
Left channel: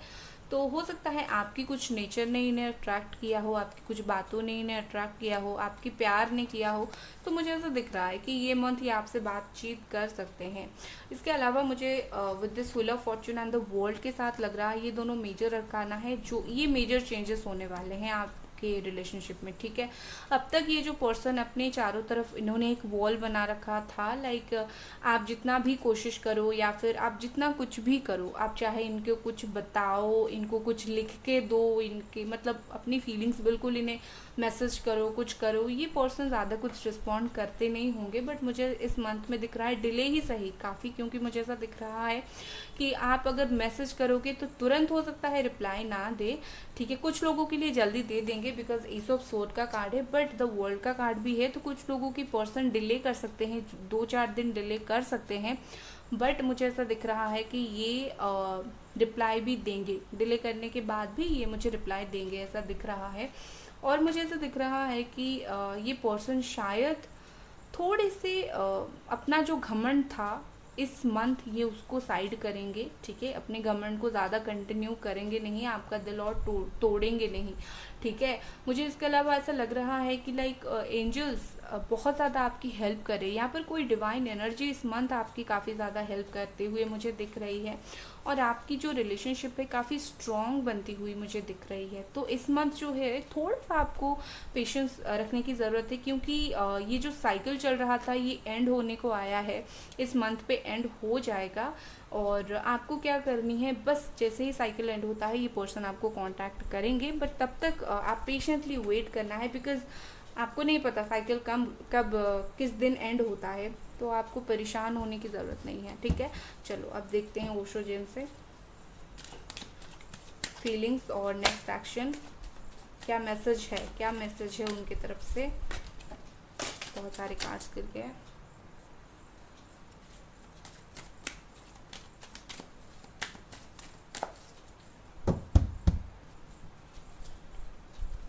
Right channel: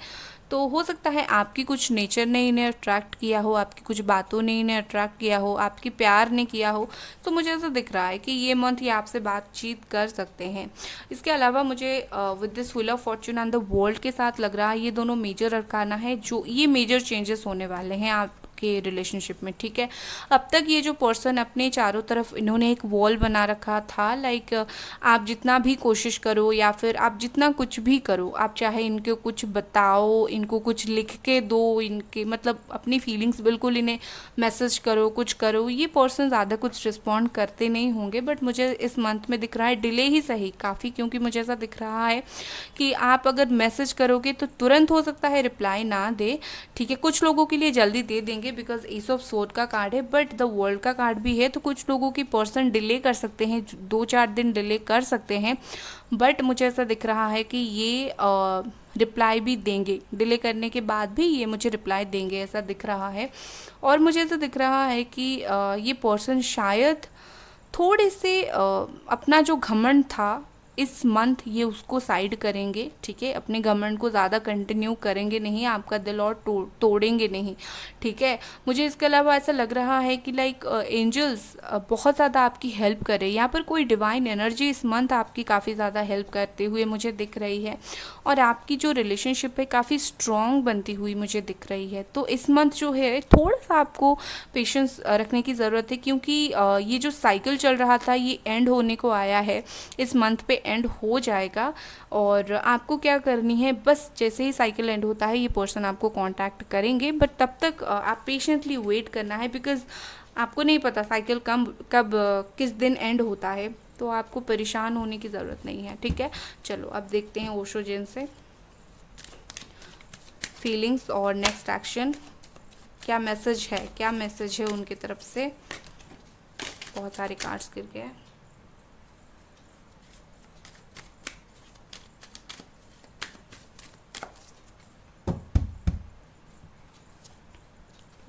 तो हो सकता है आपकी कुछ नेचर ने इन्हें अट्रैक्ट किया हो, आपकी कुछ बातों ने इन्हें अट्रैक्ट किया हो, आपकी प्यार ने किया हो। तो मुझे ऐसा दिख रहा है कि ये मंथ ये आपसे बातचीत कर सकते हैं। इसके अलावा मुझे with this wheel of Fortune and the world के साथ लग रहा है ये दोनों मेजर अरकाना है, जो ये मेजर चेंजेस होने वाले हैं आप के रिलेशनशिप में, ठीक है। अब तक ये जो पर्सन अपने चारों तरफ इन्होंने एक वॉल बना रखा था, लाइक आप जितना भी कोशिश करो या फिर आप जितना कुछ भी करो, आप चाहे इनको कुछ बताओ, इनको कुछ लिख के दो, इनके मतलब अपनी फीलिंग्स बिल्कुल इन्हें मैसेज करो, कुछ करो, ये पर्सन ज़्यादा कुछ रिस्पॉन्ड करते नहीं होंगे। बट मुझे इस मंथ में दिख रहा है डिले ही सही काफ़ी, क्योंकि मुझे ऐसा दिख रहा है कि आप अगर मैसेज करोगे तो तुरंत हो सकता है रिप्लाई ना दे, ठीक है। कुछ लोगों के लिए जल्दी दे देंगे बिकॉज एस ऑफ स्वॉर्ड का कार्ड है, बट द वर्ल्ड का कार्ड भी है। तो कुछ लोगों की पर्सन डिले कर सकते हैं, 2-4 दिन डिले कर सकते हैं, बट मुझे ऐसा दिख रहा है कि ये रिप्लाई भी देंगे। डिले करने के बाद भी ये मुझे रिप्लाई देंगे, ऐसा दिख रहा है। और मुझे ऐसा दिख रहा है कि ये पर्सन शायद थोड़े से अपना जो घमंड था इस मंथ ये उसको साइड करेंगे, ठीक है। अपने घमंड को ज़्यादा कंटिन्यू करेंगे नहीं, आपका दिल और तोड़ेंगे नहीं, ठीक है। मुझे इसके अलावा ऐसा लग रहा है कि लाइक एंजल्स बहुत ज़्यादा आपकी हेल्प करे। यहाँ पर कोई डिवाइन एनर्जी इस मंथ आपकी काफ़ी ज़्यादा हेल्प करते हुए मुझे दिख रही है। और आपकी जो रिलेशनशिप है काफ़ी स्ट्रॉन्ग बनती हुई मुझे दिख रही है। तो इस मंथ जो है थोड़ा सा आपको पेशेंस रखने की ज़रूरत है, क्योंकि ये जो साइकिल चल रहा था ये एंड होने को आया है, इस मंथ पे एंड हो जाएगा। और आपको क्या करनी है, बस जैसे ही साइकिल एंड होता है ये पर्सन आपको कांटेक्ट करेंगे, बट तब तक आप पेशेंटली वेट करना है, बिकॉज आपको नहीं पता साइकिल कब किस दिन एंड होता है, तो आपको परेशान होने की ज़रूरत नहीं है। ठीक है, चलो अब देखते हैं ओशो जिन से फीलिंग्स और नेक्स्ट एक्शन क्या मैसेज है, क्या मैसेज है उनकी तरफ से। बहुत सारे कार्ड्स गिर गए।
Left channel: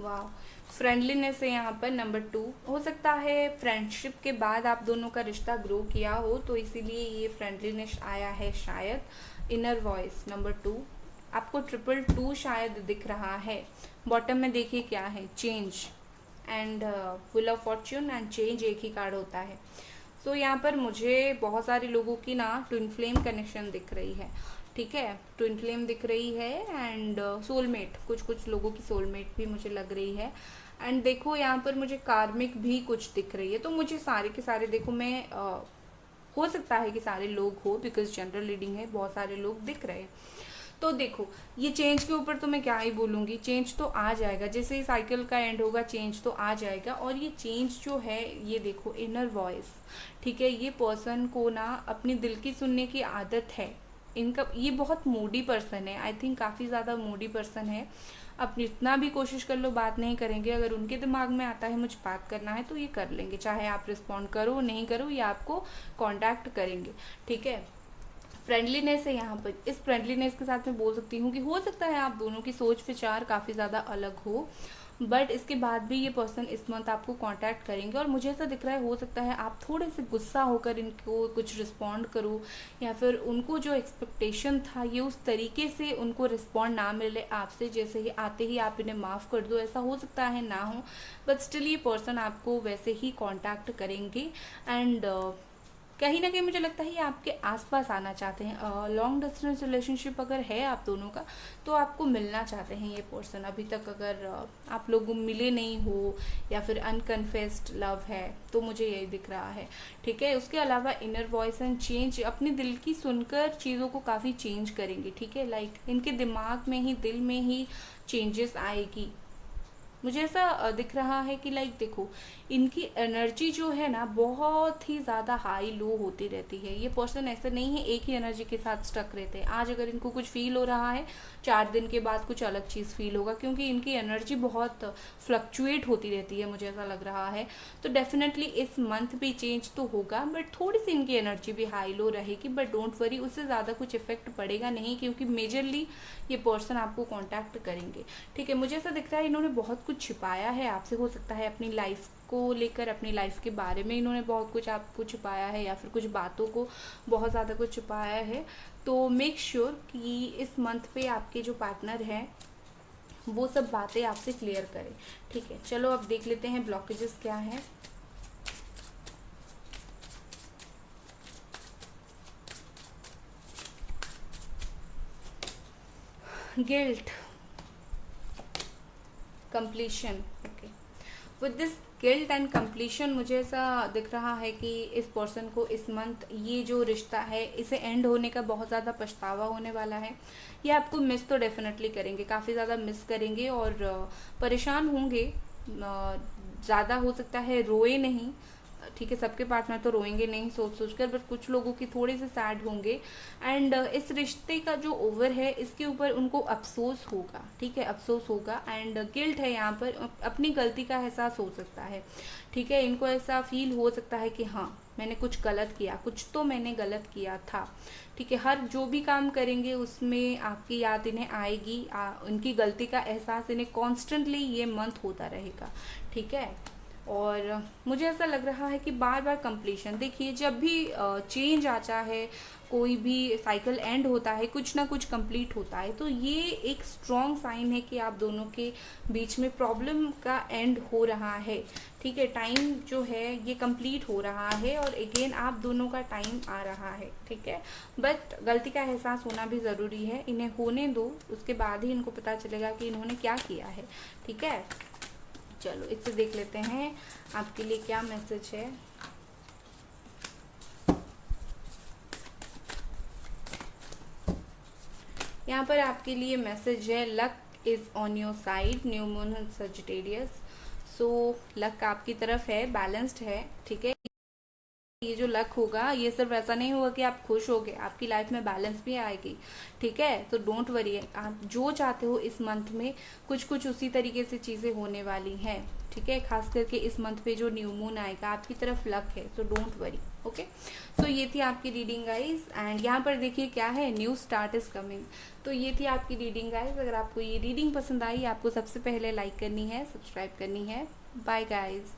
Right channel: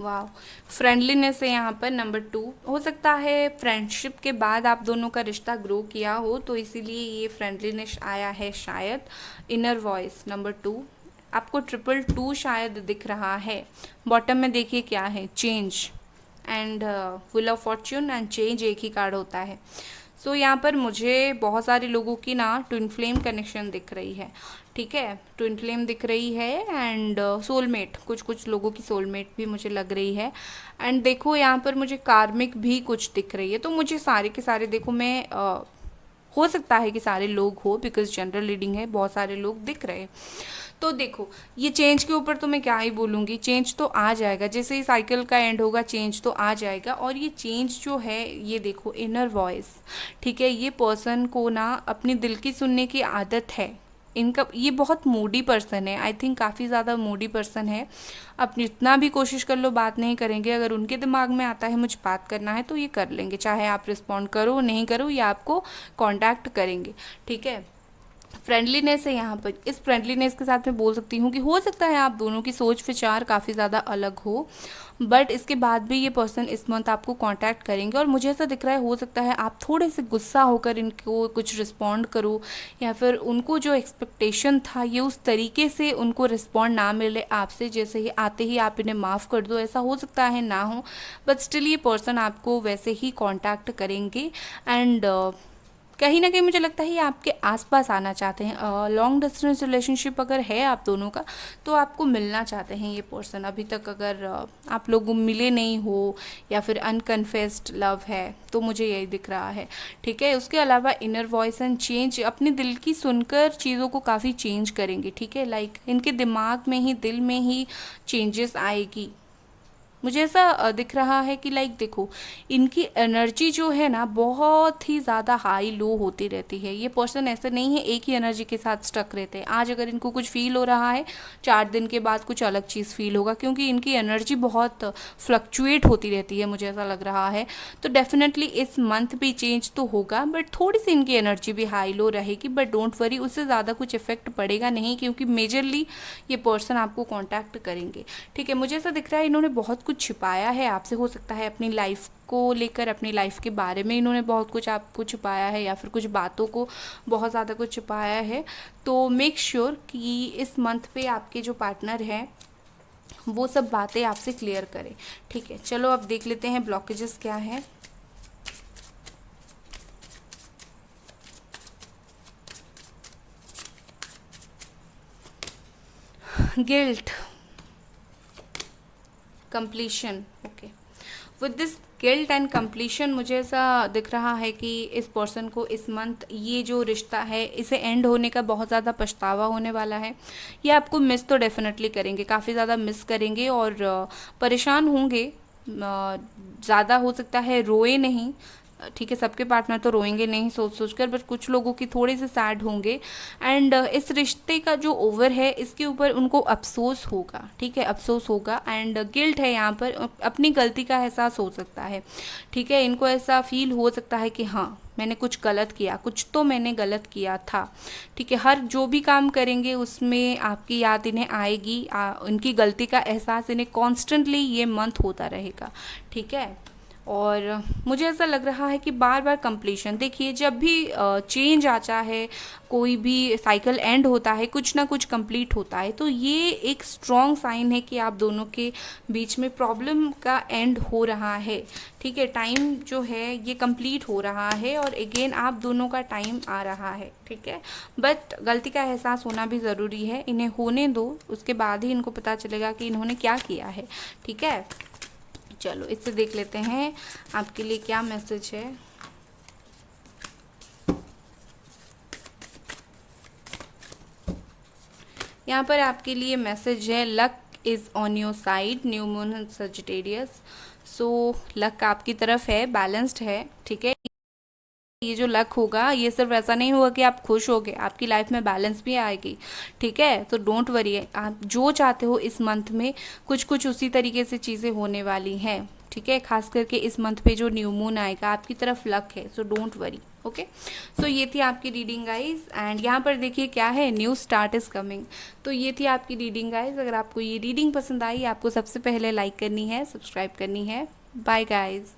वाह, फ्रेंडलीनेस है यहाँ पर नंबर 2। हो सकता है फ्रेंडशिप के बाद आप दोनों का रिश्ता ग्रो किया हो, तो इसीलिए ये फ्रेंडलीनेस आया है शायद। इनर वॉइस नंबर 2, आपको 222 शायद दिख रहा है। बॉटम में देखिए क्या है, change and wheel of Fortune and change एक ही कार्ड होता है। सो यहाँ पर मुझे बहुत सारे लोगों की ना ट्विन फ्लेम कनेक्शन दिख रही है। ठीक है, ट्विन फ्लेम दिख रही है एंड सोलमेट, कुछ लोगों की सोलमेट भी मुझे लग रही है। एंड देखो यहाँ पर मुझे कार्मिक भी कुछ दिख रही है। तो मुझे सारे के सारे देखो, मैं हो सकता है कि सारे लोग हो, बिकॉज जनरल रीडिंग है, बहुत सारे लोग दिख रहे हैं। तो देखो ये चेंज के ऊपर तो मैं क्या ही बोलूँगी, चेंज तो आ जाएगा, जैसे ही साइकिल का एंड होगा चेंज तो आ जाएगा। और ये चेंज जो है ये देखो इनर वॉइस, ठीक है, ये पर्सन को ना अपने दिल की सुनने की आदत है। इनका ये बहुत मूडी पर्सन है, आई थिंक काफ़ी ज़्यादा मूडी पर्सन है। आप जितना भी कोशिश कर लो बात नहीं करेंगे, अगर उनके दिमाग में आता है मुझे बात करना है तो ये कर लेंगे, चाहे आप रिस्पॉन्ड करो नहीं करो, ये आपको कांटेक्ट करेंगे। ठीक है, फ्रेंडलीनेस है यहाँ पर। इस फ्रेंडलीनेस के साथ मैं बोल सकती हूँ कि हो सकता है आप दोनों की सोच विचार काफ़ी ज़्यादा अलग हो, बट इसके बाद भी ये पर्सन इस मंथ आपको कांटेक्ट करेंगे। और मुझे ऐसा दिख रहा है हो सकता है आप थोड़े से गुस्सा होकर इनको कुछ रिस्पॉन्ड करो, या फिर उनको जो एक्सपेक्टेशन था ये उस तरीके से उनको रिस्पॉन्ड ना मिले आपसे, जैसे ही आते ही आप इन्हें माफ़ कर दो, ऐसा हो सकता है ना हो, बट स्टिल ये पर्सन आपको वैसे ही कांटेक्ट करेंगे। एंड कहीं ना कहीं मुझे लगता है ये आपके आसपास आना चाहते हैं। लॉन्ग डिस्टेंस रिलेशनशिप अगर है आप दोनों का, तो आपको मिलना चाहते हैं ये पर्सन। अभी तक अगर आप लोग मिले नहीं हो, या फिर अनकन्फेस्ड लव है, तो मुझे यही दिख रहा है। ठीक है, उसके अलावा इनर वॉइस एंड चेंज, अपने दिल की सुनकर चीज़ों को काफ़ी चेंज करेंगे। ठीक है, लाइक इनके दिमाग में ही, दिल में ही चेंजेस आएगी। मुझे ऐसा दिख रहा है कि लाइक देखो इनकी एनर्जी जो है ना बहुत ही ज़्यादा हाई लो होती रहती है। ये पर्सन ऐसे नहीं है एक ही एनर्जी के साथ स्टक रहते हैं। आज अगर इनको कुछ फील हो रहा है, 4 दिन के बाद कुछ अलग चीज़ फील होगा, क्योंकि इनकी एनर्जी बहुत फ्लक्चुएट होती रहती है, मुझे ऐसा लग रहा है। तो डेफिनेटली इस मंथ भी चेंज तो होगा, बट थोड़ी सी इनकी एनर्जी भी हाई लो रहेगी, बट डोंट वरी, उससे ज़्यादा कुछ इफेक्ट पड़ेगा नहीं, क्योंकि मेजरली ये पर्सन आपको कॉन्टैक्ट करेंगे। ठीक है, मुझे ऐसा दिख रहा है इन्होंने बहुत कुछ छिपाया है आपसे। हो सकता है अपनी लाइफ को लेकर, अपनी लाइफ के बारे में इन्होंने बहुत कुछ आपको छुपाया है, या फिर कुछ बातों को बहुत ज़्यादा कुछ छुपाया है। तो मेक श्योर कि इस मंथ पे आपके जो पार्टनर हैं वो सब बातें आपसे क्लियर करें। ठीक है, चलो अब देख लेते हैं ब्लॉकेजेस क्या है। Guilt, completion. Okay, with this guilt and completion मुझे ऐसा दिख रहा है कि इस पर्सन को इस मंथ ये जो रिश्ता है इसे एंड होने का बहुत ज़्यादा पछतावा होने वाला है। ये आपको मिस तो डेफिनेटली करेंगे, काफ़ी ज़्यादा मिस करेंगे और परेशान होंगे। ज़्यादा हो सकता है रोए नहीं, ठीक है, सबके पार्टनर तो रोएंगे नहीं सोच सोच कर, बट कुछ लोगों की थोड़े से सैड होंगे। एंड इस रिश्ते का जो ओवर है इसके ऊपर उनको अफसोस होगा। ठीक है, अफसोस होगा एंड गिल्ट है यहाँ पर, अपनी गलती का एहसास हो सकता है। ठीक है, इनको ऐसा फील हो सकता है कि हाँ मैंने कुछ गलत किया, कुछ तो मैंने गलत किया था। ठीक है, हर जो भी काम करेंगे उसमें आपकी याद इन्हें आएगी, उनकी गलती का एहसास इन्हें कॉन्स्टेंटली ये मंथ होता रहेगा। ठीक है, और मुझे ऐसा लग रहा है कि बार बार कंप्लीशन, देखिए जब भी चेंज आता है, कोई भी साइकिल एंड होता है, कुछ ना कुछ कंप्लीट होता है, तो ये एक स्ट्रॉन्ग साइन है कि आप दोनों के बीच में प्रॉब्लम का एंड हो रहा है। ठीक है, टाइम जो है ये कंप्लीट हो रहा है और अगेन आप दोनों का टाइम आ रहा है। ठीक है, बट गलती का एहसास होना भी ज़रूरी है, इन्हें होने दो, उसके बाद ही इनको पता चलेगा कि इन्होंने क्या किया है। ठीक है, चलो इससे देख लेते हैं आपके लिए क्या मैसेज है। यहाँ पर आपके लिए मैसेज है, luck is on your side, new moon Sagittarius. So luck आपकी तरफ है, बैलेंस्ड है। ठीक है, ये जो लक होगा ये सिर्फ ऐसा नहीं होगा कि आप खुश होगे, आपकी लाइफ में बैलेंस भी आएगी। ठीक है, तो डोंट वरी, आप जो चाहते हो इस मंथ में कुछ कुछ उसी तरीके से चीज़ें होने वाली हैं। ठीक है, खास करके इस मंथ पे जो न्यू मून आएगा आपकी तरफ लक है, सो डोंट वरी। ओके, सो ये थी आपकी रीडिंग गाइज, एंड यहाँ पर देखिए क्या है, न्यू स्टार्ट इज कमिंग। तो ये थी आपकी रीडिंग गाइज। अगर आपको ये रीडिंग पसंद आई, आपको सबसे पहले लाइक करनी है, सब्सक्राइब करनी है। Bye guys.